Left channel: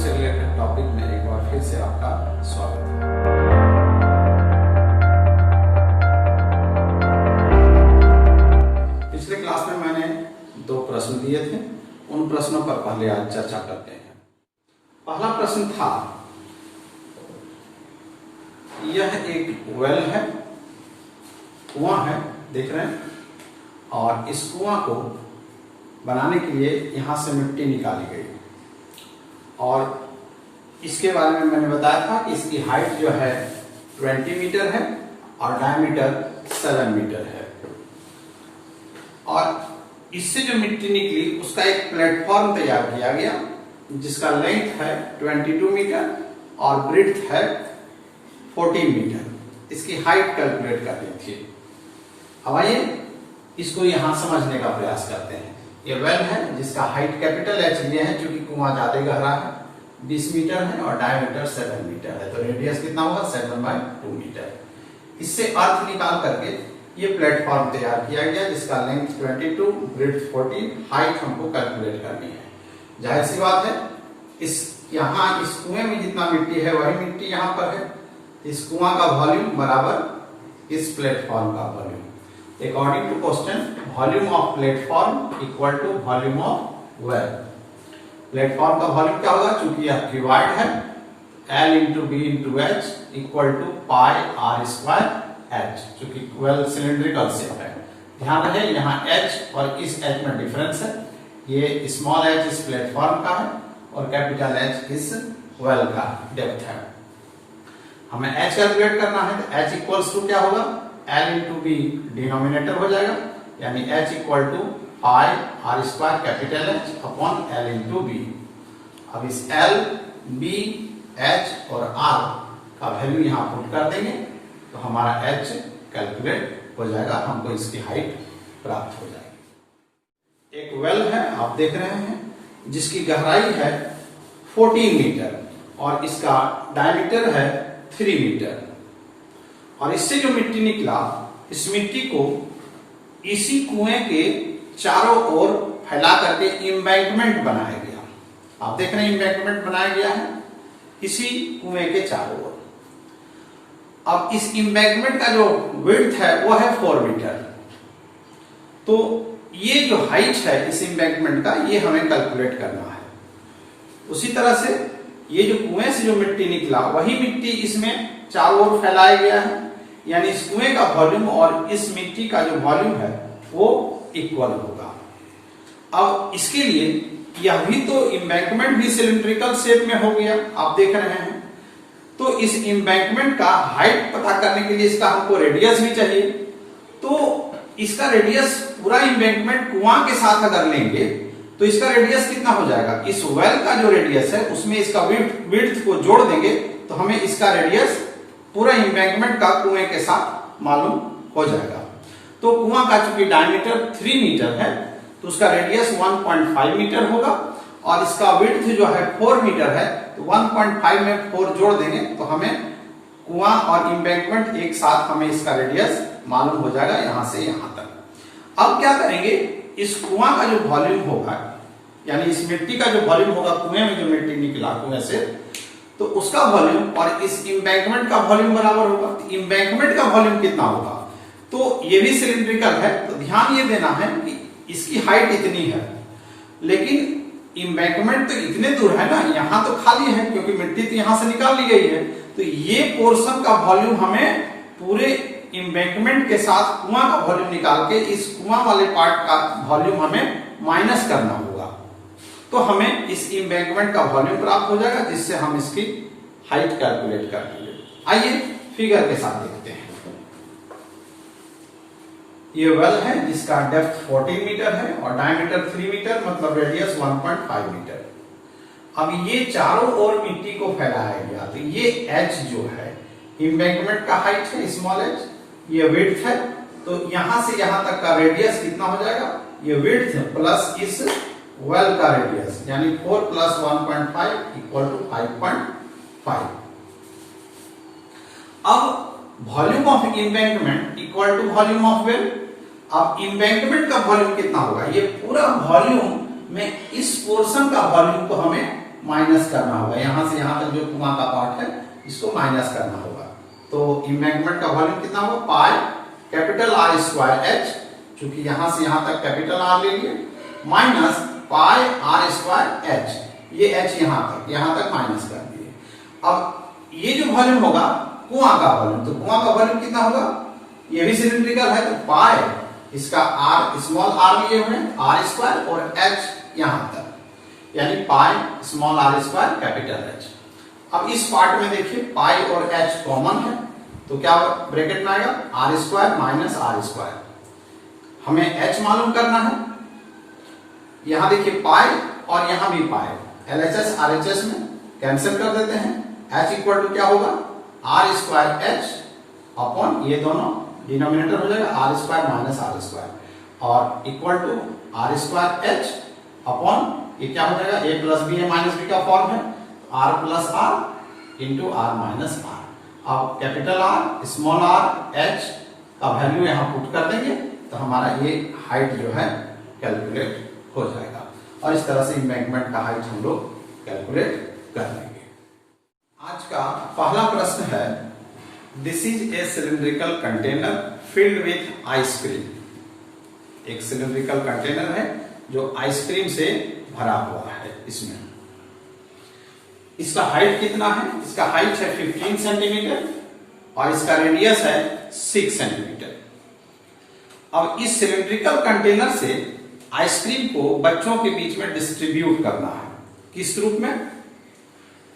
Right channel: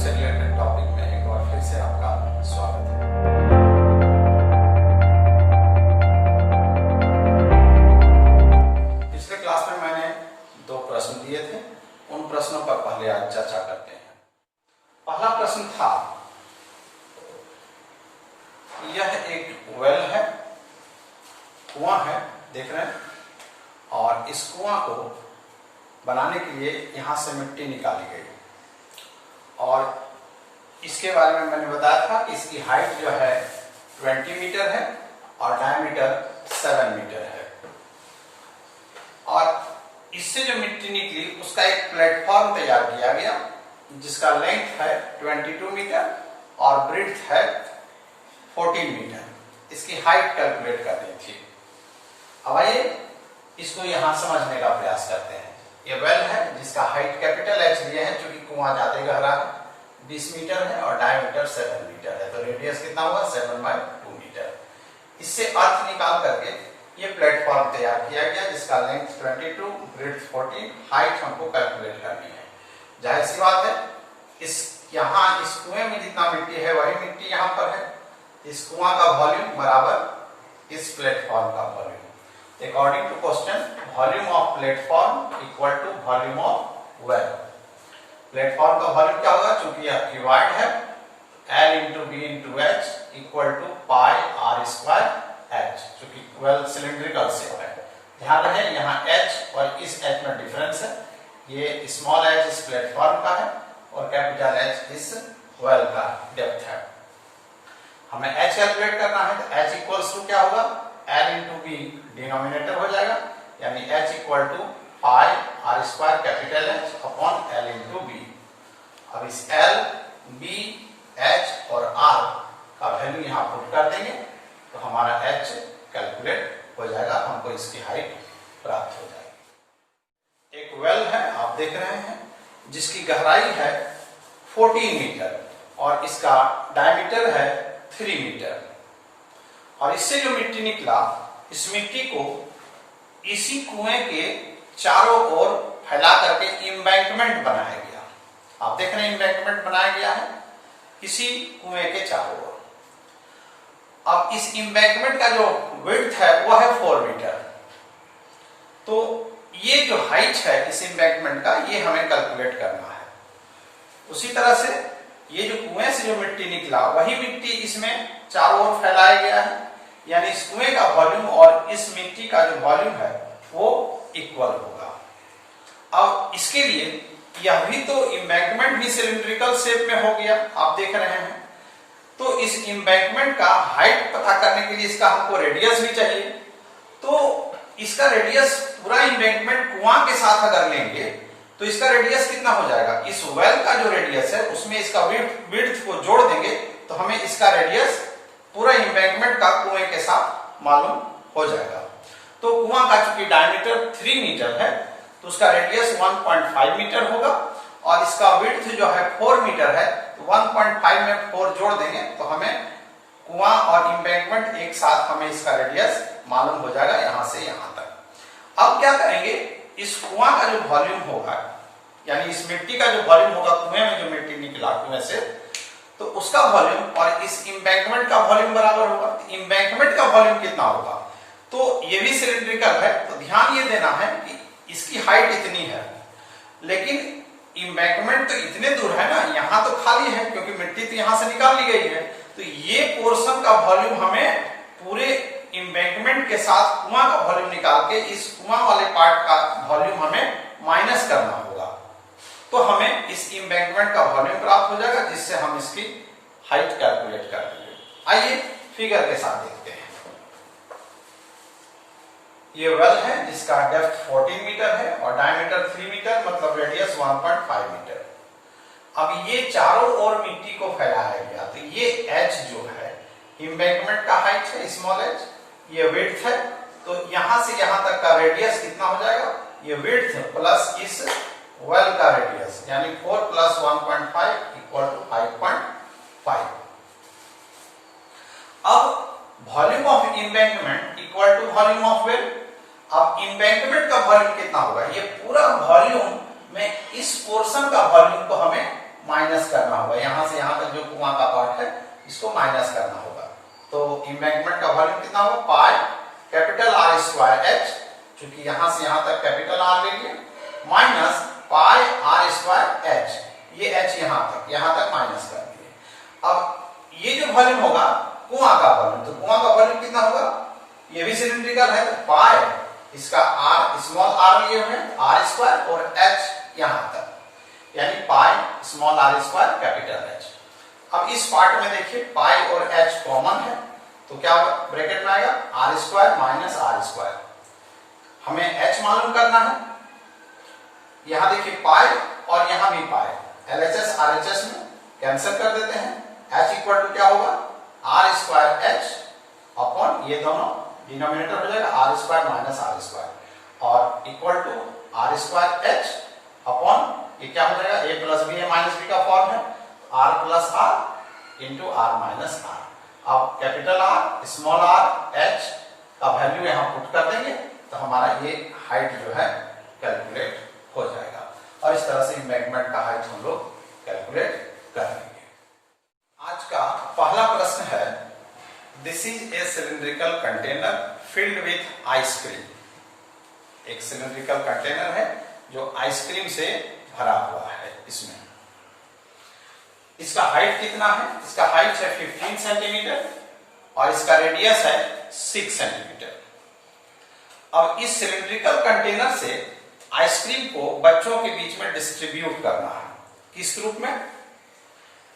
से related topic में एक बार फिर से आपका स्वागत है। पिछले क्लास में मैंने 2 प्रश्न दिए थे, उन प्रश्नों पर पहले आज चर्चा करते हैं। पहला प्रश्न था, यह एक वेल है, कुआं है, देख रहे हैं, और इस कुआं को बनाने के लिए यहां से मिट्टी निकाली गई और इसके बारे में मैंने बताया था कि इसकी हाइट जो है 20 मीटर है और डायमीटर 7 मीटर है। और इससे जो मिट्टी निकली उसका एक प्लेटफॉर्म तैयार किया गया जिसका लेंथ है 22 मीटर और ब्रेड्थ है 14 मीटर। इसकी हाइट कैलकुलेट करनी थी। अब आइए इसको यहां समझने का प्रयास करते हैं। ये वेल है जिसका हाइट कैपिटल एच लिए है, क्योंकि कुआं ज्यादा गहरा है, 20 मीटर है और डायमीटर 7 मीटर है, तो रेडियस कितना होगा 7/2 मीटर। इससे अर्थ निकाल करके ये प्लेटफॉर्म तैयार किया गया जिसका लेंथ 22, ब्रेड्थ 14, हाइट हमको कैलकुलेट करनी है। जाहिर सी बात है, इस कुएं में जितना मिट्टी है वही मिट्टी यहाँ पर है। इस कुआं का वॉल्यूम बराबर इस प्लेटफॉर्म का volume. According to question, volume of platform equal to volume of well. Platform का वॉल्यूम क्या होगा, चूंकि यह क्यूबॉइड है, L into B into H equal to pi r square H, चूंकि वेल सिलेंड्रिकल शेप है। ध्यान रहे यहाँ H और इस H में डिफरेंस है। ये स्मॉल h इस प्लेटफॉर्म का है और कैपिटल H इस वेल का डेप्थ है। हमें H कैलकुलेट करना है, तो H इक्वल्स टू क्या होगा, L into B डिनोमिनेटर हो जाएगा, यानी H equal to pi r square capital H upon L into B। अब इस L, B, H और R का वैल्यू यहाँ पुट कर देंगे तो हमारा H कैलकुलेट हो जाएगा, हमको इसकी हाइट प्राप्त हो जाएगी। एक वेल है, आप देख रहे हैं, जिसकी गहराई है 14 मीटर और इसका डायमीटर है 3 मीटर। और इससे जो मिट्टी निकला, इस मिट्टी को इसी कुएं के चारों ओर फैला करके एम्बैंकमेंट बनाया गया। आप देख रहे हैं एम्बैंकमेंट बनाया गया है इसी कुएं के चारों ओर। अब इस एम्बैंकमेंट का जो विड्थ है वह है 4 मीटर। तो ये जो हाइट है इस एम्बैंकमेंट का, ये हमें कैलकुलेट करना है। उसी तरह से ये जो कुएं से जो मिट्टी निकला वही मिट्टी इसमें चारों ओर फैलाया गया है, यानी इस कुएं का वॉल्यूम और इस मिट्टी का जो वॉल्यूम है वो इक्वल होगा। अब इसके लिए यह भी तो एम्बैंकमेंट भी सिलिंड्रिकल शेप में हो गया, आप देख रहे हैं। तो इस एम्बैंकमेंट का हाइट पता करने के लिए इसका हमको रेडियस भी चाहिए। तो इसका रेडियस पूरा एम्बैंकमेंट कुआं के साथ अगर लेंगे तो इसका रेडियस कितना हो जाएगा, इस वेल का जो रेडियस है उसमें इसका विड्थ को जोड़ देंगे तो हमें इसका रेडियस पूरा एम्बैंकमेंट का कुएं के साथ मालूम हो जाएगा। तो कुआं का चूंकि डायमीटर 3 मीटर है तो उसका रेडियस 1.5 मीटर होगा और इसका विड्थ जो है 4 मीटर है, तो 1.5 में 4 जोड़ देंगे तो हमें कुआं और एम्बैंकमेंट एक साथ हमें इसका रेडियस मालूम हो जाएगा यहां से यहां तक। अब क्या करेंगे, इस कुआं का जो वॉल्यूम होगा, यानी इस मिट्टी का जो वॉल्यूम होगा, कुएं में जो मिट्टी निकला कुएं से, तो उसका वॉल्यूम और इस एम्बैंकमेंट का वॉल्यूम बराबर होगा। एम्बैंकमेंट का वॉल्यूम कितना होगा, तो ये भी सिलिंड्रिकल है, तो ध्यान ये देना है कि इसकी हाइट इतनी है, लेकिन एम्बैंकमेंट तो इतने दूर है ना, यहां तो खाली है क्योंकि मिट्टी तो यहां से निकाल ली गई है। तो ये पोर्शन का वॉल्यूम हमें पूरे एम्बैंकमेंट के साथ कुआं का वॉल्यूम निकाल के इस कुआं वाले पार्ट का वॉल्यूम हमें माइनस करना होगा, तो हमें इस एम्बैंकमेंट का वॉल्यूम प्राप्त हो जाएगा, जिससे हम इसकी हाइट कैलकुलेट कर लेंगे। आइए फिगर के साथ देखते हैं। ये वेल है जिसका डेप्थ 14 मीटर है और डायमीटर 3 मीटर, मतलब रेडियस 1.5 मीटर। अब ये चारों ओर मिट्टी को फैलाया गया, तो ये H जो है एम्बैंकमेंट का हाइट है, स्मॉल h, ये विड्थ है, तो यहां से यहां तक का रेडियस कितना हो जाएगा, ये विड्थ प्लस इस वेल का रेडियस, यानी 4 प्लस 1.5 इक्वल टू 5.5। अब volume of embankment equal to volume of well. अब एम्बैंकमेंट का वॉल्यूम कितना होगा, ये पूरा वॉल्यूम में इस पोर्शन का वॉल्यूम को हमें माइनस करना होगा, यहां से यहां तक जो कुआं का पार्ट है इसको माइनस करना होगा। तो इम्बैंकमेंट का वॉल्यूम कितना होगा, pi capital R square H, चूंकि यहां से यहां तक कैपिटल आर ले लिए, minus pi R square H, ये एच यहां तक माइनस कर दिए। अब ये जो वॉल्यूम होगा कुआं का वॉल्यूम, तो कुआं का वॉल्यूम कितना होगा, ये भी सिलिंड्रिकल है, तो पाई इसका आर स्मॉल आर लिए हुए आर स्क्वायर और एच यहां तक, यानी pi small R square capital H. अब इस पार्ट में देखिए पाई और एच कॉमन है, तो क्या ब्रैकेट में आएगा R square minus R square. हमें एच मालूम करना है, यहां देखिए पाई और यहां भी पाई, एलएचएस आरएचएस में कैंसिल कर देते हैं, एच इक्वल टू क्या होगा आर स्क्वायर एच अपॉन ये दोनों डिनोमिनेटर हो जाएगा R square minus R square, और equal to R square H upon ये क्या हो जाएगा A plus B A minus B का फॉर्म है, R plus R into R minus R. अब capital R small R H का वैल्यू यहां पुट कर देंगे तो हमारा ये हाइट जो है कैलकुलेट हो जाएगा, और इस तरह से इम्बैंकमेंट का हाइट हम लोग कैलकुलेट कर लेंगे। आज का पहला प्रश्न है, this is a cylindrical container filled with ice cream. एक सिलिंड्रिकल कंटेनर है जो आइसक्रीम से भरा हुआ है, इसमें इसका हाइट कितना है, इसका हाइट है 15 सेंटीमीटर और इसका रेडियस है 6 सेंटीमीटर। अब इस सिलिंड्रिकल कंटेनर से आइसक्रीम को बच्चों के बीच में डिस्ट्रीब्यूट करना है, किस रूप में,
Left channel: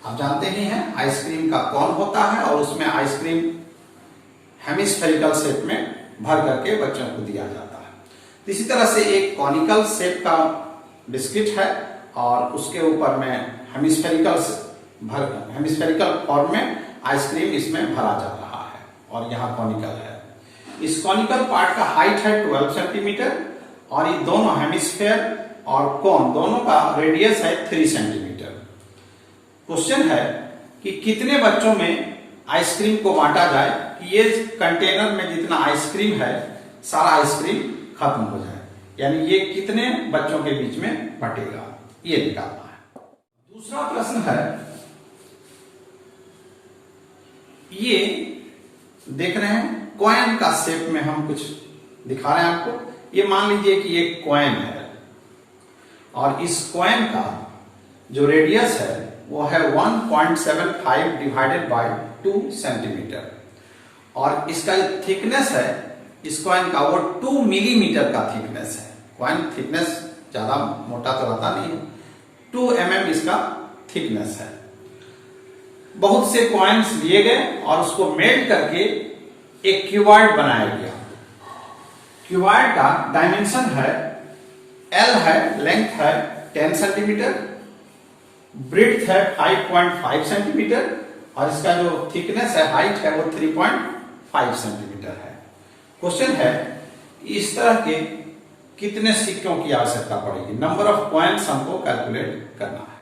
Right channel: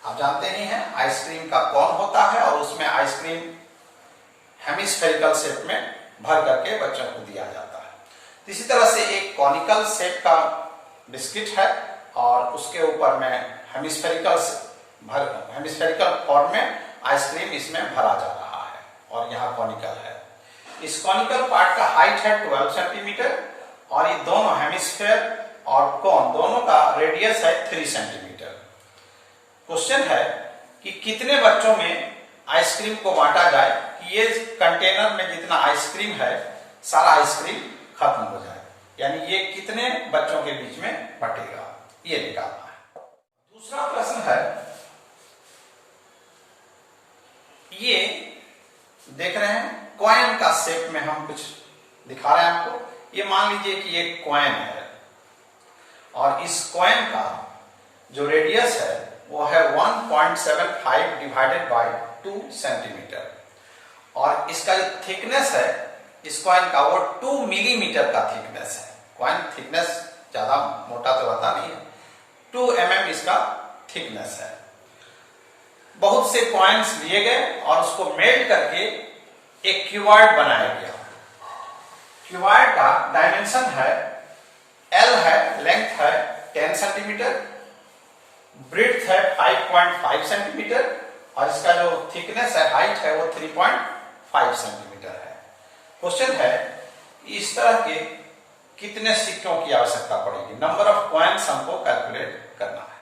आप जानते ही हैं आइसक्रीम का कौन होता है और उसमें आइसक्रीम हेमिस्फेरिकल शेप में भर करके बच्चों को दिया जाता है। इसी तरह से एक कॉनिकल शेप का बिस्किट है और उसके ऊपर में हेमिस्फेरिकल फॉर्म में आइसक्रीम इसमें भरा जा रहा है और यहाँ कॉनिकल है। इस कॉनिकल पार्ट का हाइट है 12 सेंटीमीटर और ये दोनों हेमिस्फेयर और कोन दोनों का रेडियस है 3 सेंटीमीटर। क्वेश्चन है कि कितने बच्चों में आइसक्रीम को बांटा जाए कि ये कंटेनर में जितना आइसक्रीम है सारा आइसक्रीम खत्म हो जाए, यानी ये कितने बच्चों के बीच में बटेगा, ये निकालना है। दूसरा प्रश्न है, ये देख रहे हैं कॉइन का शेप में हम कुछ दिखा रहे हैं आपको। ये मान लीजिए कि ये कॉइन है और इस कॉइन का जो रेडियस है वो है 1.75 डिवाइडेड बाय 2 सेंटीमीटर और इसका जो थिकनेस है इस कॉइन का वो 2 मिलीमीटर का थिकनेस है। कॉइन थिकनेस ज्यादा मोटा तो रहता नहीं है, 2 mm इसका थिकनेस है। बहुत से कॉइन्स लिए गए और उसको मेल्ट करके एक क्यूबॉइड बनाया गया। क्यूबॉइड का डायमेंशन है L है, लेंथ है 10 सेंटीमीटर, ब्रेड्थ है 5.5 सेंटीमीटर और इसका जो थिकनेस है हाइट है वो 3.5 सेंटीमीटर है। क्वेश्चन है इस तरह के कितने सिक्कों की आवश्यकता पड़ेगी, नंबर ऑफ कॉइन्स हमको कैलकुलेट करना है।